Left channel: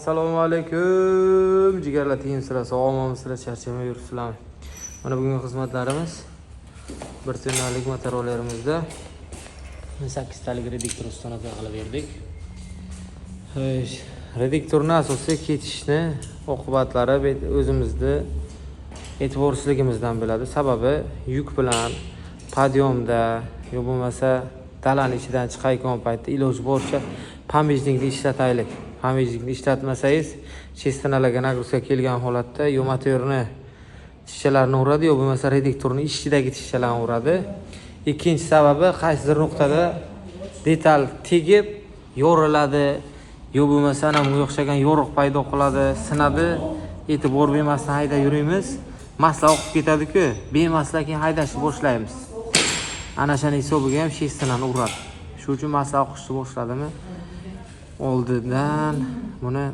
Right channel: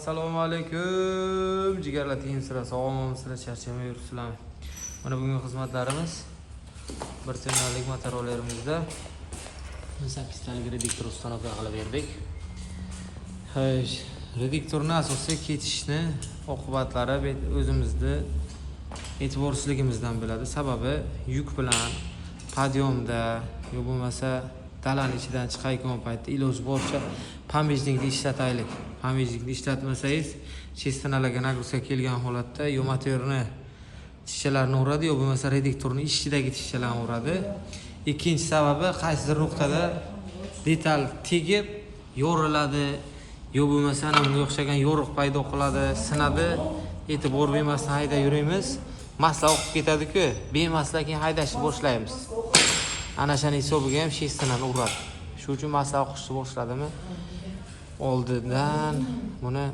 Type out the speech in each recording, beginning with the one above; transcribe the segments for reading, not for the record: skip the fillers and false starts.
Assalomu alaykum. Jigarlar tengsilar, sog'ommisizlar, charchamay yuribsizlarmi? Mana bugungi xizmatlarimiz bir turnalik motorolarimizda 8 talik reduktor ustanovka qilib berdik. Reduktorning asosiy ketishni oqibatlari o'zimizni e'tiborsizligimizdan bo'ladi. Sababi yuk bilan podyomda yo bo'lmasa dalani ichidan chiqayotgan paytda iloji boricha pambejlikni ishlataylik. Pambejlikni ishlatmasangiz, chestanalarga nagruska kelgan holatda yo motorni tishchalarini uradi, yo bo'lmasa reduktorning ichidagi tishchalarni uradi. Ikkinchi sababi qaysidir nuqtada detal tegib yoriladi, yo bo'lmasa ana bunga o'xshagan yo'riq paydo qiladi, sinadi. E'tibor bermasdan haydab yuramiz, masla oqib ketadi-ku, bemasla keyin haydashni boshlaymiz. Ana shuni hisobiga ham chestinani uradi. Shuning uchun masla oqishni boshladimi, oldindan buni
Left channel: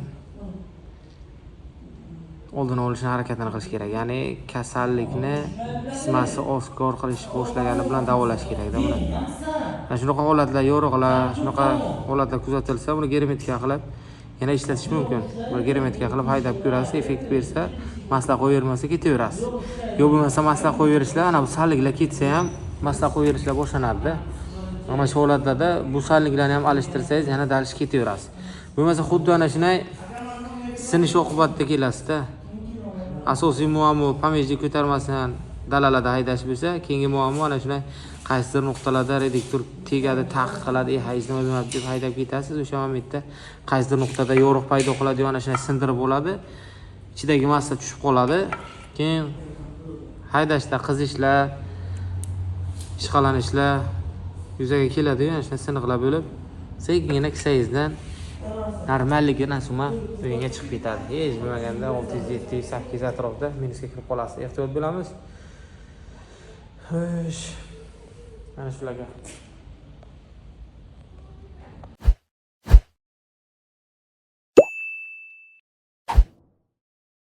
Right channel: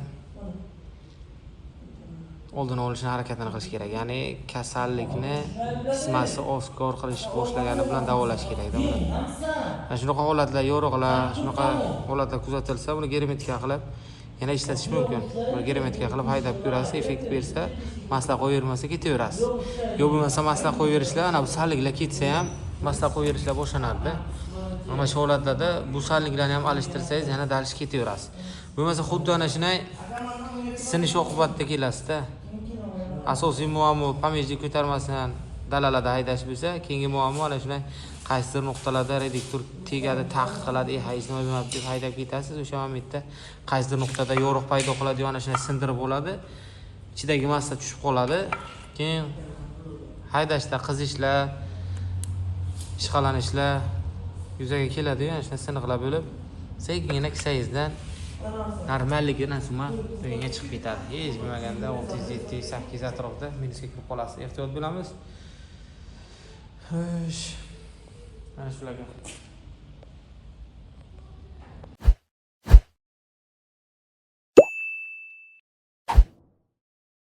oldini olishni harakatini qilish kerak. Ya'ni kasallikni qismasi oshkor qilishni boshlagani bilan davolash kerak-da uni. Mana shunaqa holatlar, yo'riqlar, shunaqa holatlar kuzatilsa, uni germetika qilib yana ishlatish mumkin. Buni germetika qilib haydab ko'rasiz, effekt bersa, masla qo'yavermasa ketaverasiz. Yo bo'lmasa masla qo'yaverishlar, ana bu salliklar ketsa ham masla qo'yaverishlar boshlanadi-da. Mana shu holatlarda bu salliklarni ham alishtirsangiz, yana dalish ketaverasiz. Bo'lmasa xuddi ana shunday sinish oqibatida kelasiz-da. Asosiy muammo pamejlik ko'tarmasdan dalalarda haydash bo'lsa, keyingi muammo ana shunday qaysidir nuqtalarda reduktor tegadi, taqiq qiladi, hech nima bo'lmadi deb haydab ketasiz. O'sha momentda qaysidir nuqtada yo'riq paydo qiladi, ana shunday sindirib bo'ladi. Ichidagi massa tushib qoladi. Keyin haydashda qizishlar, ishqalanishlar yuzaga keladi, ana shunday siniqlar bo'lib, sekingina kisangizdan normalligi nasuma o'yinga chiqib ketadi. Hech bo'lmaganda 600-700-800 atrofida minusga kirib qolasiz. Ehtiyot bo'lamiz. Mana shularga